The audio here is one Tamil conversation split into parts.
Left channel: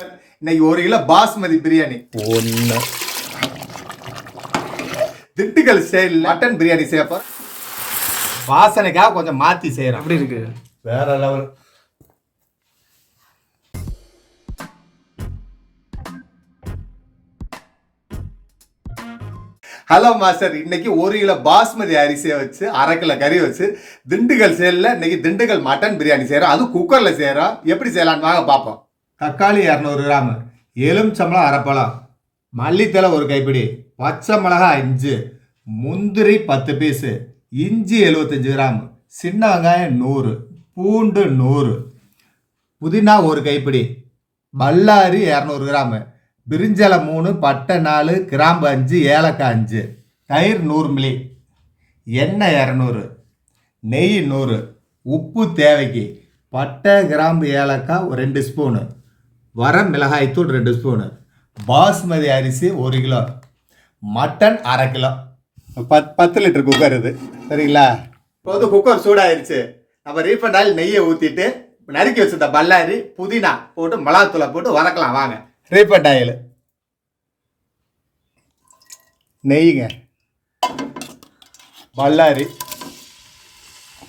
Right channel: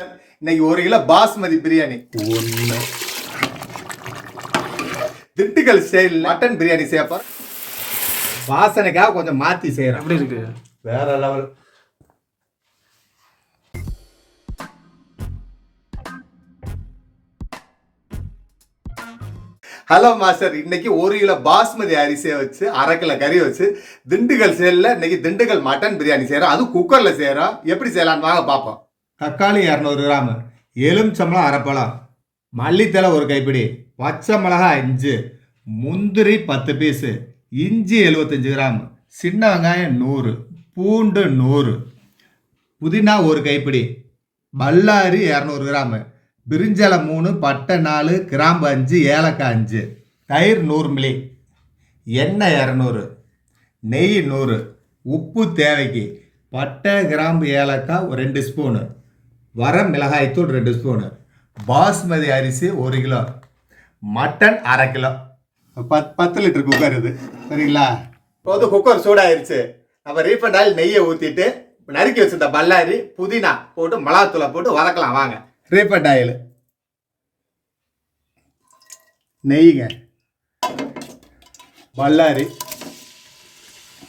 இன்னைக்கு 1 கிலோ பாஸ்மதி பிரியாணி. ஒன்று திண்டுக்கல் ஸ்டைல் மட்டன் பிரியாணி செய்யப்போ வாசனைக்காக கொஞ்சம் மாற்றி செய்கிறோம். எப்படி இருக்கு? வேற லெவல். ஹலோ மாஸ்டர், இன்னைக்கு 1 கிலோ பாஸ்மதி அரிசியை வச்சு 1/2 கிலோ கறி வச்சு திண்டுக்கல் சேலில் இன்னைக்கு திண்டுக்கல் மட்டன் பிரியாணி செய்கிறோம். அதுவும் குக்கரில் செய்கிறோம். எப்படி செய்யலான்னு வாங்க பார்ப்போம். தக்காளி 200 கிராம், எலுமிச்சம்பழம் 1/2 பழம், மல்லித்தலை 1 கைப்பிடி, பச்சை மிளகாய் 5, முந்திரி 10 பீஸு, இஞ்சி 75 கிராம், சின்ன வெங்காயம் 100, பூண்டு 100, புதினா 1 கைப்பிடி, பல்லாரி 200 கிராம், பிரிஞ்சலை 3, பட்டை 4, கிராம்பு 5, ஏலக்காய் 5, தயிர் 100 மில்லி, எண்ணெய் 200, நெய் 100, உப்பு தேவைக்கு, பட்டை கிராம்பு ஏலக்காய் 2 ஸ்பூனு, வர மிளகாய்த்தூள் 2 ஸ்பூனு, பாஸ்மதி அரிசி 1 kilo, mutton 1/2 kilo. 10 litre cooker இது. சரிங்களா? இப்போ வந்து குக்கர் சூடாயிருச்சு. நம்ம ரீஃபண்ட் ஆயில் நெய்யை ஊற்றிட்டு நறுக்கி வச்சிருந்த பல்லாரி புதினா போட்டு மிளகாத்தூளை போட்டு வதக்கலாம். வாங்க. ரீஃபண்ட் ஆயில், நெய்யுங்க, பல்லாரி,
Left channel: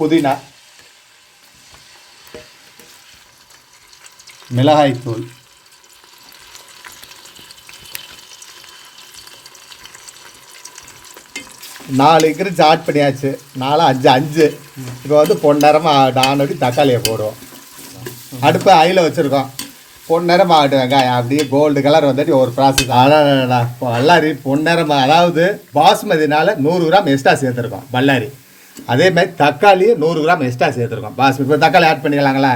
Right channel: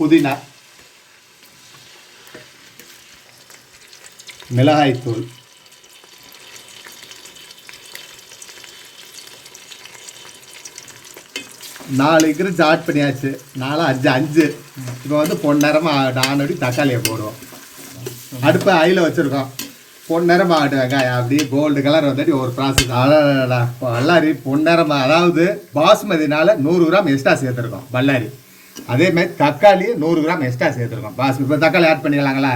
புதினா, மிளகாய்த்தூள், நாலு இன்க்ரீடியன்ஸ் ஆட் பண்ணியாச்சு. 4, 5, 5. இப்போ வந்து பொன்னேரமாக ஆனடி தக்காளியை போடுவோம். அடுப்பு ஆயில வச்சுருக்கோம். பொன்னேரமாக ஆகட்டும் வெங்காயம் அப்படியே கோல்டு கலர் வந்துட்டு ஒரு ப்ராசஸ். அடடா பல்லாரி பொன்னேரமாக, அதாவது பாஸ்மதினால 100 கிராம் எக்ஸ்ட்ரா சேர்த்துருக்கோம் பல்லாரி. அதேமாதிரி தக்காளி 100 கிராம் எக்ஸ்ட்ரா சேர்த்துருக்கோம் பாஸ்மதி. இப்போ தக்காளி ஆட் பண்ணிக்கலாங்களா?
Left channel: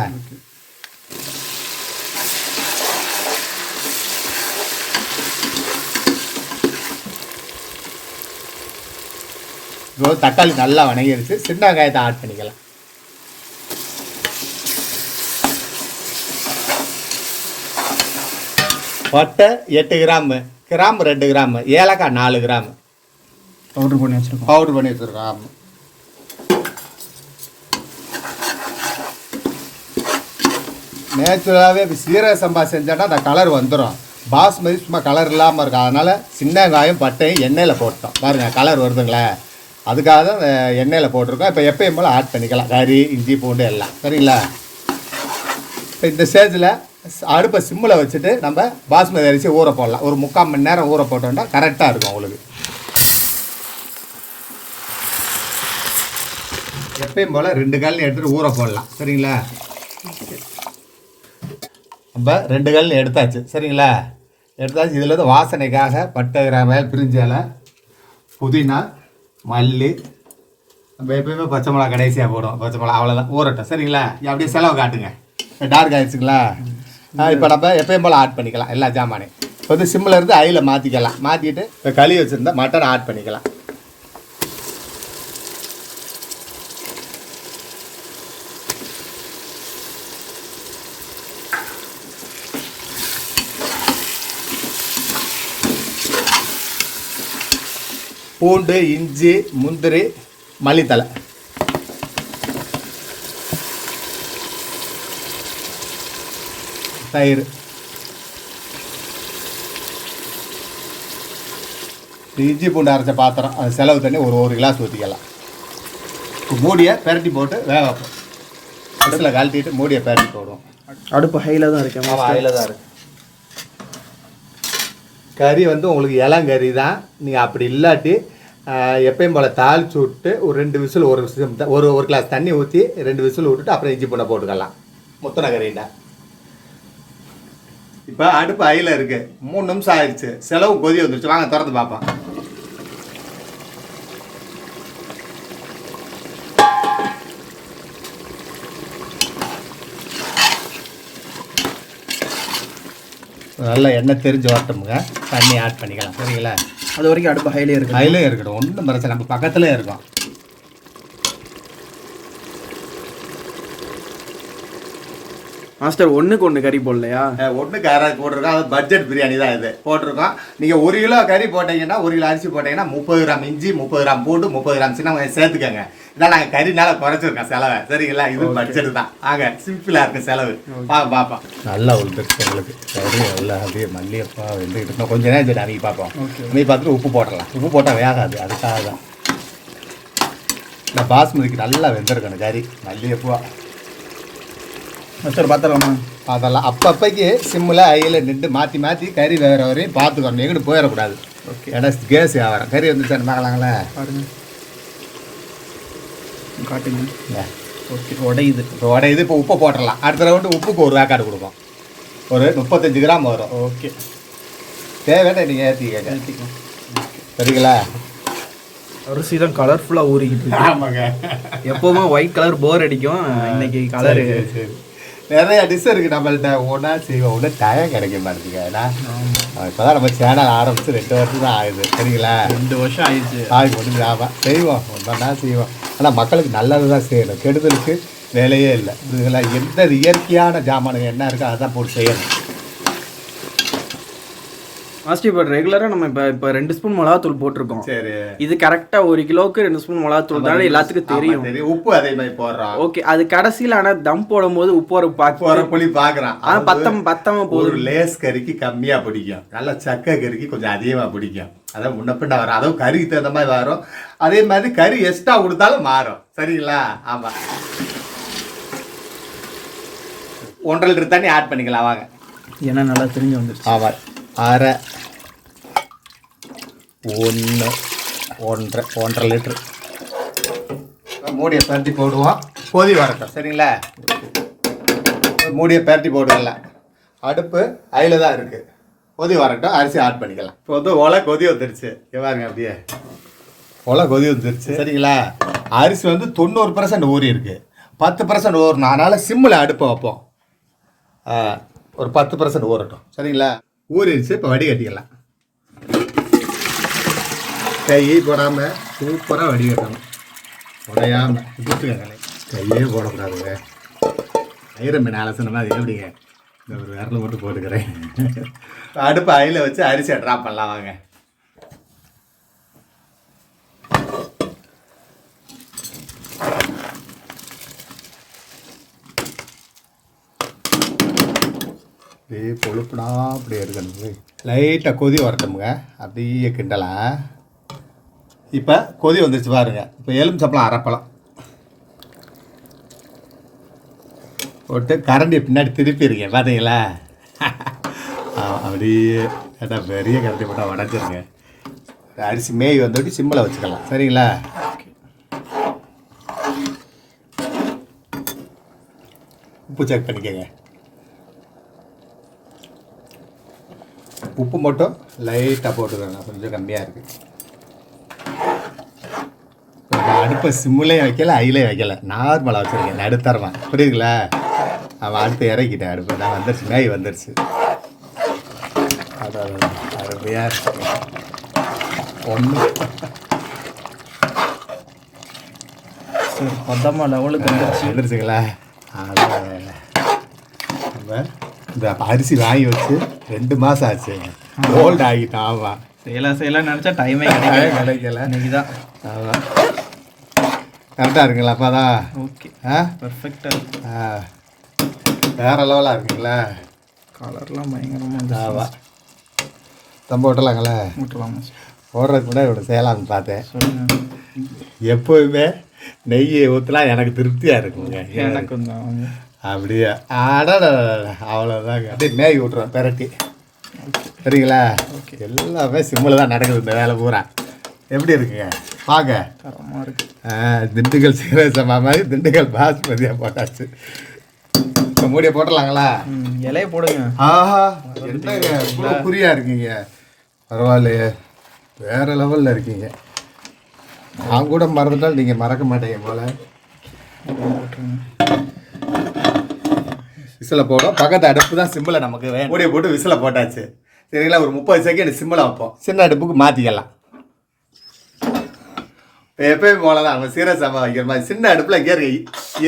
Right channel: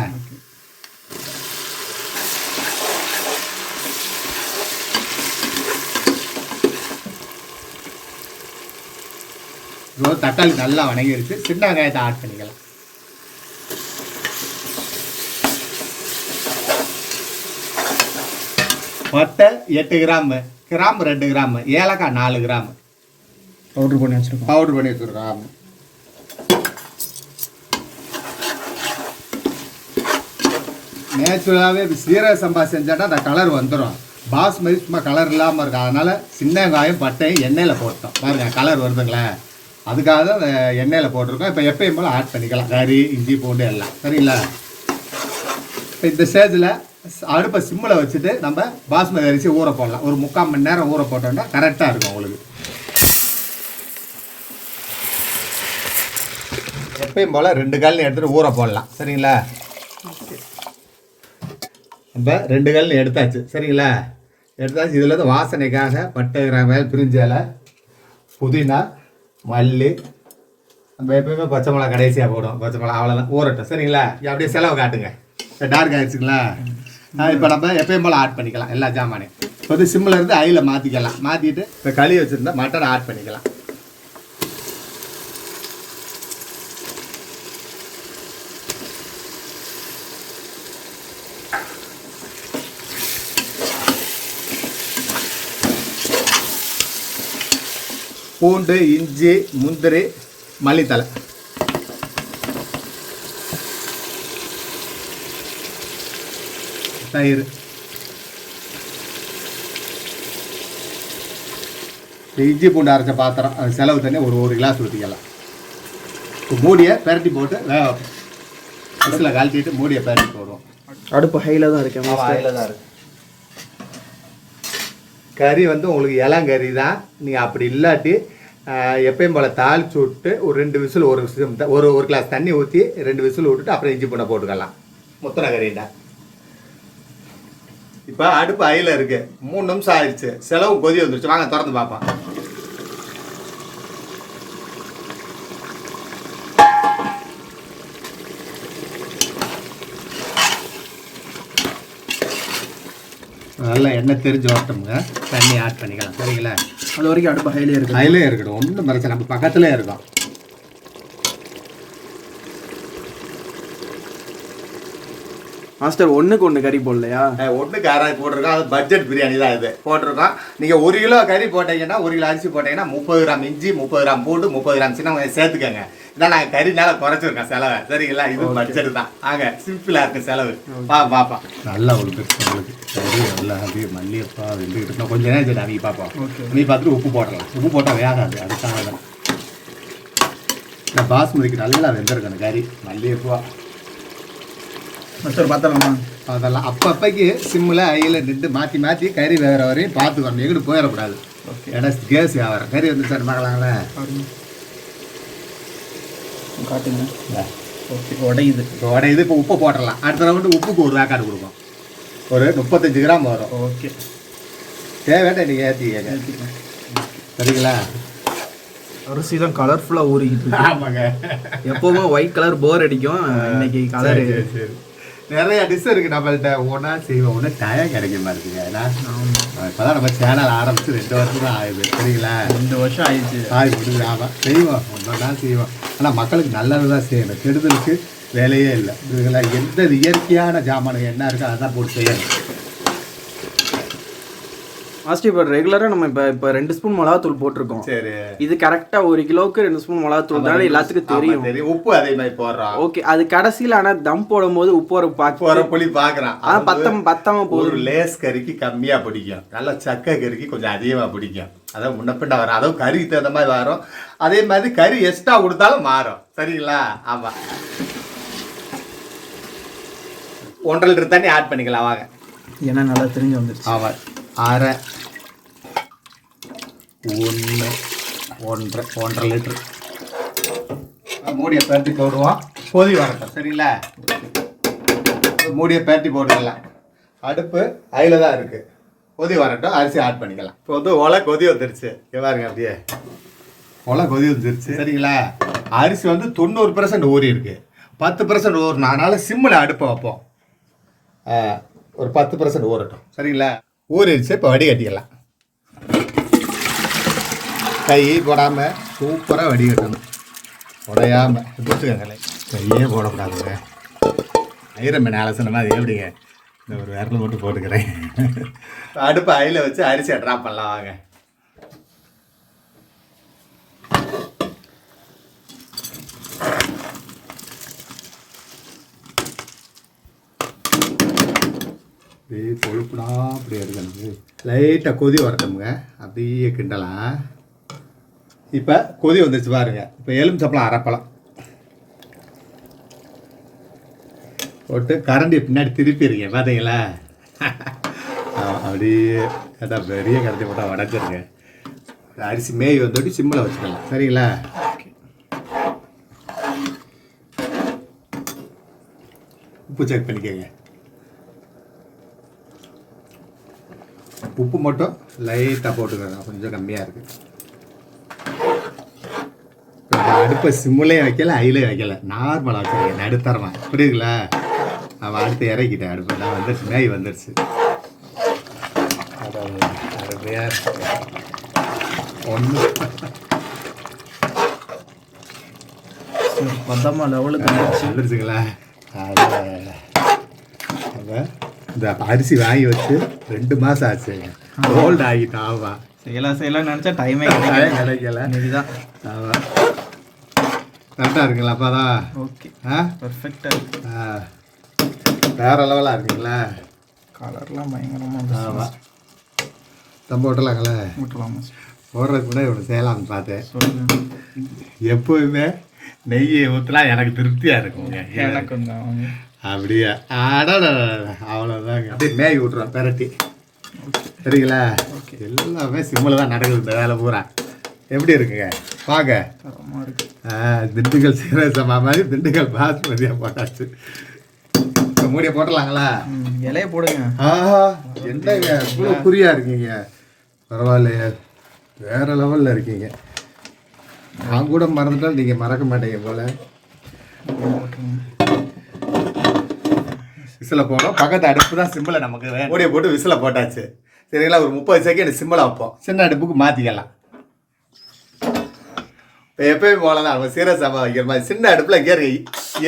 இப்போ தக்காளி நல்லா வணங்கிடுச்சு. சின்ன வெங்காயத்தை ஆட் பண்ணிக்கலாம். பட்டை 8 கிராம், கிராம்பு 2 கிராம், ஏலக்காய் 4 கிராம் பவுடர் பண்ணி வச்சுருக்கோம். ஆமாம். நேச்சுரலாகவே சீரக சம்பா செஞ்சோன்னா அந்த கலர் வந்துடும். பாஸ்மதி சும்மா கலர் இல்லாமல் இருக்கும். அதனால் சின்ன வெங்காயம் பட்டையும் எண்ணெயில் போட்டோம். பாருங்கள் கலர் வருதுங்களே, அதுக்காக தான் எண்ணெயில் போட்டிருக்கோம். இப்போ எப்பயும் போல் ஆட் பண்ணிக்கலாம் கறி, இஞ்சி, பூண்டு எல்லாம். சரிங்களா? இப்போ இந்த ஸ்டேஜில் அடுப்பை சிம்மில் வச்சுட்டு நம்ம பாஸ்மதி அரிசி ஊற போடலாம். ஒரு 3/4 மணி நேரம் ஊற போட்டோம்னா கரெக்டாக இருக்கும் உங்களுக்கு. எப்பயும் போல் 2 கல்லையும் எடுத்துகிட்டு ஊற போடலாம். சரிங்களா? நம்ம 2 கல்லையும் எடுத்தாச்சு. சரிங்களா? எடுத்தாச்சு. இதில் வந்து வாசனைக்காக பட்டை கிராம்பு, பிரிஞ்சலை, புதினா, மல்லி, நம்ம எப்பயுமே பச்சை மிளகா கடைசியாக போடுவோம். பச்சை மிளகா அவ்வளோதான். ஊறட்டும். சரிங்களா? அப்படியே செலவு காட்டுங்க. இப்போ டார்க் ஆகிடுச்சுங்களா? இப்போ நம்ம எப்பயும் போல் ஆட் பண்ணிக்கலாம் எல்லா ஜாமானையும். இப்போ வந்து சிம்மில் இருந்து ஆயில மாற்றிக்கலாம். மாற்றிட்டு இப்போ கழுவி வச்சுருந்தா மட்டன் ஆட் பண்ணிக்கலாம். பூண்டு, இஞ்சி, முந்திரி, மல்லித்தலை, தயிர், இஞ்சி பூண்டு அரைச்ச பாத்திரம், அது செலவு தண்ணி ஒரு 1 கிளாஸ் ஊற்றிக்கலாம். மூடியை பெரட்டி போட்டு வேக வைப்போம். அடுப்பில் கழட்டிட்டு மூடியை பெரட்டி போடுவோம். அடுப்பு ஹையில் தான் இருக்கு. ஹையில் தான் இருக்கு. கறி வந்து உங்களுக்கு இளங்கறி தான். நீங்கள் அப்படி இல்லாட்டி எப்பயும் போல் தாளிச்சு விட்டு ஒரு 2 விசில், ஒரு கிளாஸ் தண்ணி ஊற்றி 2 விசில் விட்டுட்டு அப்புறம் இஞ்சி பூண்டை போட்டுக்கலாம். முத்தின கறிண்டா. இப்போ அடுப்பு ஹையில் இருக்குது. 3 நிமிஷம் ஆயிடுச்சு. செலவு கொதி வந்துருச்சு. வாங்க திறந்து பார்ப்போம். நல்லா எண்ணெய் தெரிஞ்சு வரட்டோமுங்க. தண்ணி ஆட் பண்ணிக்கலாம். சரிங்களா? அது வரைக்கும் அடுப்பு ஹைலே இருக்கும். ஹைலே இருக்கட்டும். ஒன்றும் பிரச்சனை. நம்ம பக்கத்துலேயே இருக்கும். மாஸ்டர் ஒன்றுக்கு ஒன்று கறி போடலையா? ஒன்றுக்கு அரை போட்டிருக்கோம். அது பட்ஜெட் பிரியாணி தான் இது போட்டிருக்கோம். நீங்கள் 1 கிலோ கறி போட்டீங்கன்னா 1 கிலோ அரிசி போட்டீங்கன்னா 30 கிராம் இஞ்சி, 30 கிராம் பூண்டு, 30 கிராம் சின்ன வெங்காயம் சேர்த்துக்கோங்க. இதான் நாங்கள் கறினால குறைச்சிருக்கோம் செலவை. சரிங்களா? இது பட்ஜெட் தான். சிம்பிளாக இருக்கும் செலவு. பார்ப்போம். நல்லா வந்துருச்சு உங்களுக்கு கறி எல்லாம் அப்படியே மல்லியப்பா வந்துக்கிட்டு கொஞ்ச நேரம் சரி அவங்க பார்ப்போம். நீ பார்த்துட்டு உப்பு போட்டுடலாம். உப்பு போட்டால் வேகாது, அதுக்காக தான். இந்த பாஸ்மதிக்கு நல்லா வெந்திருக்கணும் கறி மல்லியப்பா. மாஸ்டர் பார்த்துடலாமா? அதெல்லாம் அப்பப்போக்கு சிம்மில் ஐயில் நின்று மாற்றி மாற்றி கறி வேகிற வரையும் பார்த்துக்கணும். எங்கிட்டு போயிடக்கூடாது. ஓகே. ஏன்னா கேஸ் ஆகிறோம். கறி வந்து சார் பார்க்கலாங்களே. காட்டுங்க. ஓகே. உடையுது. இப்போ உப்பு போட்டுடலாம். அடுத்த ரவுண்டு உப்புக்கு ஒரு வேக்காடு கொடுப்போம். ஒரு 35 கிராம் வரும். ஓகே. தேவையான நீங்கள் ஏற்றிக்க. சரிங்களா? அரிசி தான் கலர்ஃபுல்லாக ஊறிக்கிட்டு. ஆமாங்க. எப்போவுமே ஒயிட் கலர் போர் அடிக்கும். இன்னைக்கு கலரு நிறைய டிஷ் இருக்குது நம்மள்கிட்ட. ஒன்றா செய்வோம். ஒன்றும் டயம் கிடைக்க மாட்டேங்குது. ஏன்னா இப்போ தான் நம்ம சேனல் ஆரம்பித்து 2 வருஷம் தான் ஆகுது. சரிங்களா? 2 வருஷம் ஆயிடுச்சு. ஆகி ஆமாம் செய்வோம். ஒன்றா செய்வோம். ஆனால் மக்களுக்கு நல்லது தான் செய்யணும். கெடுதலுக்கு வேலையே இல்லை. இதெல்லாம் எந்த இயற்கையான ஜாமானுங்க என்ன இருக்கோ அதான் போட்டு செய்யணும். மாஸ்டர் இப்போ ரெகுலராக நம்ம இப்போ 2 ஸ்பூன் மிளகாத்தூள் போட்டிருக்கோம். சரி. இது கரெக்டாக 1 கிலோவுக்கு 2 ஸ்பூன் மிளகாத்தூள் தான் எல்லாத்துக்கும் தெரியும். உப்பு அதே மாதிரி போடுறோம். ஓகே. அது கடைசியில் ஆனால் தம் போடும் போது உப்பு ஒரு புளி பார்க்குறான். பத்தமாக போதும். ஒரு லேஸ் கறிக்கு கம்மியாக பிடிக்கும். நல்லா சக்கை கறிக்கு கொஞ்சம் அதிகமாக பிடிக்கும். அதான் முன்னப்பிண்ட வரும். அதுவும் கறிக்கு தகுந்த மாதிரி வரும். அதே மாதிரி கறி எக்ஸ்ட்ரா கொடுத்தாலும் மாறும். சரிங்களா? ஆமாம். 1.5 லிட்டர் தண்ணி ஆட் பண்ணிக்கலாம் வாங்க. ஏன்னா நல்லா தெரிஞ்சு வந்துருச்சு. ஆமாம். 1/2 1.5 லிட்டர் மூடியை பரட்டி போடுவோம். கொதி வரட்டும். சரிங்களா? மூடியை பரட்டி போட்டுக்கலாம். அடுப்பு அதில் தான் இருக்குது. கொதி வரட்டும். அரிசி ஆட் பண்ணிக்கலாம். இப்போ வந்து ஒலை கொதி வந்துருச்சு. பாருங்க அப்படியே ஒலை கொதி வந்துருச்சு. சரிங்களா? அரிசி வந்து 90% ஊறி இருக்குது. 10% ஊறணும். அதனால் சிம்மில் அடுப்பை வைப்போம். ஒரு 10% ஊறட்டும். சரிங்களா? ஊறிடுச்சு. இப்போ வடிகட்டிக்கலாம். கை போடாமல் சூப்பராக வடிகட்டணும். உடையாமல் கொடுத்துக்கங்களே. கையே போடக்கூடாதுங்க. ஐரன் அலசணுமா அது எப்படிங்க? இந்த ஒரு விரல் மட்டும் போட்டுக்கிறேன். அடுப்பு அயில வச்சு அரிசியை ட்ராப் பண்ணலாம் வாங்க. அப்படியே பொழுப்புடா அப்படியே இருக்கணும். லைட்டாக கொதி வரட்டுமுங்க. அப்படியே கிண்டலாம். இப்போ கொதி வந்துச்சு பாருங்க. இப்போ எலுமிச்சம்பழம் அரைப்பழம் போட்டு கரண்டி பின்னாடி திருப்பிடுங்க. பார்த்தீங்களா? அப்படியே கேட்டால் பெரிய கரண்டி போட்டால் உடச்சிருங்க. அரிசி மேய் வந்துட்டு சிம்மில் வச்சுக்கலாம். சரிங்களா? உப்பு செக் பண்ணிக்கோங்க. உப்பு மட்டும் லைட்டாக போட்டுக்கோங்க. கொஞ்சம் கம்மியாக இருக்குது. அடுப்பை சிம்முலையும் வைக்கல, ஐலையும் வைக்கல, நார்மலாக வச்சுருக்கேன். நடுத்தரமாக புரியுதுங்களா? அவன் அடுத்து இறக்கிட்டேன். அடுப்பு நான் வந்துருச்சு. மேய் வந்துருச்சு. அருமையாக ஒன்று பத்தமாக லெவலுக்கு வந்துருச்சுங்களா? இந்த அரிசி வாங்கி வச்சு 2 மாதம் ஆச்சு. ஓல்டு ஆகிட்டான். ஆமாம். செய்யலாம் நினச்சா டைமே கிடைக்கல. இன்னைக்கு தான். ஆமாம். கரெக்டாக இருக்குங்களா? அப்போ தான் ஓகே. பர்ஃபெக்டாக இருக்கு. வேறு லெவலாக இருக்குங்களா? கலர்லாம் பயங்கரமாக. ஆமாம். தம்ப ஓட்டலாங்களா? ஓட்டலாம். ஓடுறதுக்கு கூட இவ்வளோ செய்யலாம்னு பார்த்தேன். சொல்லுங்கள். எப்போதுமே நெய்யை ஊற்றலாம் எனக்கு திருப்தியாக இருக்குங்க. எனக்கு கொஞ்சம் அப்படியே அவ்வளோதாங்க. அப்படியே மேய் விட்றோம் பெரட்டி. சரிங்களா? ஓகே. எல்லாமே சிம்மில் தான் நடக்குது. இந்த வேலை பூரா எப்படி இருக்குங்க? பார்க்க தரமாக இருக்கு. திண்டுக்கல் சீரசமா மாதிரி திண்டுக்கல் பாஸ்மதியாக போட்டாச்சு. இப்போ மூடியை போட்டலாங்களா? இலையை போடுங்க. ஆஹா, என்னங்க இவ்வளோ குறியாக இருக்கீங்க. பரவாயில்லையே, வேறு லெவலில் இருக்கீங்க. நான் கூட மறந்துட்டாலும் நீங்கள் மறக்க மாட்டீங்க போல். விசிலை போடும். பக்கத்து அடுப்பு தான் சிம்மில் நமக்கு மூடியை போட்டு விசிலை போட்டாச்சு. சரிங்களா? ஒரு 30 செகண்ட் சிம்மில் வைப்போம். சின்ன அடுப்புக்கு மாற்றிக்கலாம். இப்போ எப்போயும் போல தான் நம்ம சீரக சம்பா வைக்கிற மாதிரி சின்ன அடுப்பில்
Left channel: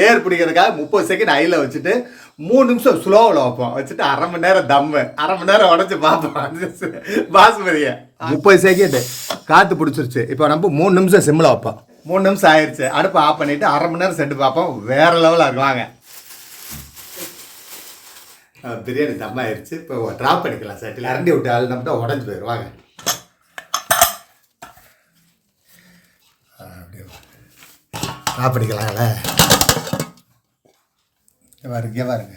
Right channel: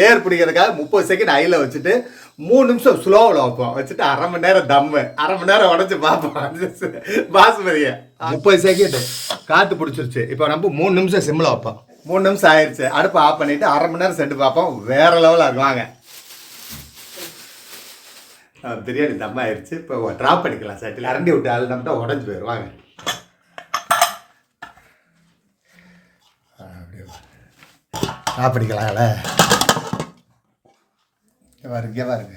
ஏர் பிடிக்கிறதுக்காக 30 செகண்ட் ஐயில் வச்சுட்டு 3 நிமிஷம் ஸ்லோவில் வைப்போம். வச்சுட்டு அரை மணி நேரம் தம்மு, அரை மணி நேரம் உடச்சி பார்ப்போம் பாஸ்மதியை. 30 செகண்ட் காற்று பிடிச்சிருச்சு. இப்போ நம்ம 3 நிமிஷம் சிம்மில் வைப்போம். 3 நிமிஷம் ஆயிடுச்சு. அடுப்பை ஆஃப் பண்ணிவிட்டு அரை மணி நேரம் சென்று பார்ப்போம். வேறு லெவலாக இருக்கு. வாங்க, பிரியாணி தம் ஆயிடுச்சு. இப்போ ட்ராப் பண்ணிக்கலாம். சட்டில் அரண்டி விட்டு அழுந்தோம்னா உடஞ்சி போயிடும். வாங்க, அப்படியே ட்ராப் பண்ணிக்கலாம்ல. பாருங்க பாருங்க,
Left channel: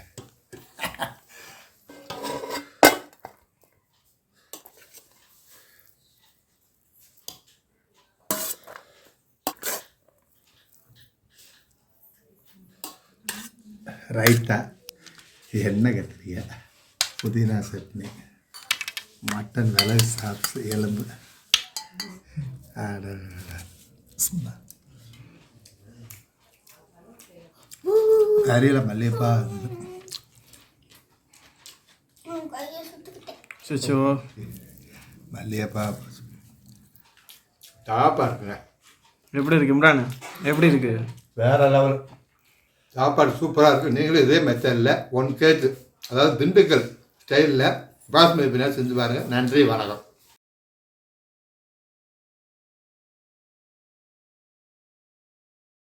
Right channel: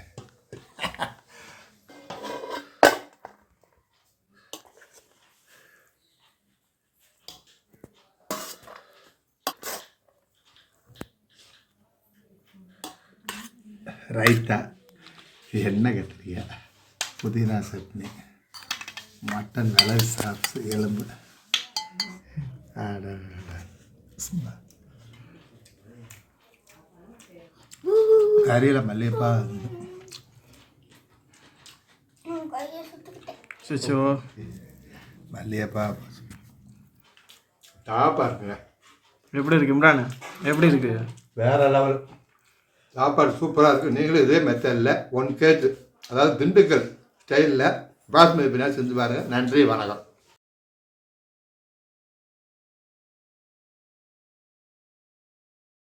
ரைத்தா, எண்ணெய் கத்திரியா, புதினா சட்னி, மட்டன் மிளகு சாப்ஸ், எலும்பு, கறியில் மல்லிகைப்பா, மல்லிகைப்பா டாப்பாக இருக்குங்க. எப்படி இருக்கு இம்ரான்? எப்படி இருக்கு? வேற லெவல் சாப்பாடு சூப்பராக இருக்குது. நீங்களும் இதே மெத்தடில் 1 kg, அதாவது திண்டுக்கல் ஸ்டைலில் பாஸ்மதி பிரியாணி செஞ்சு பாருங்கள். நன்றி, வணக்கம்.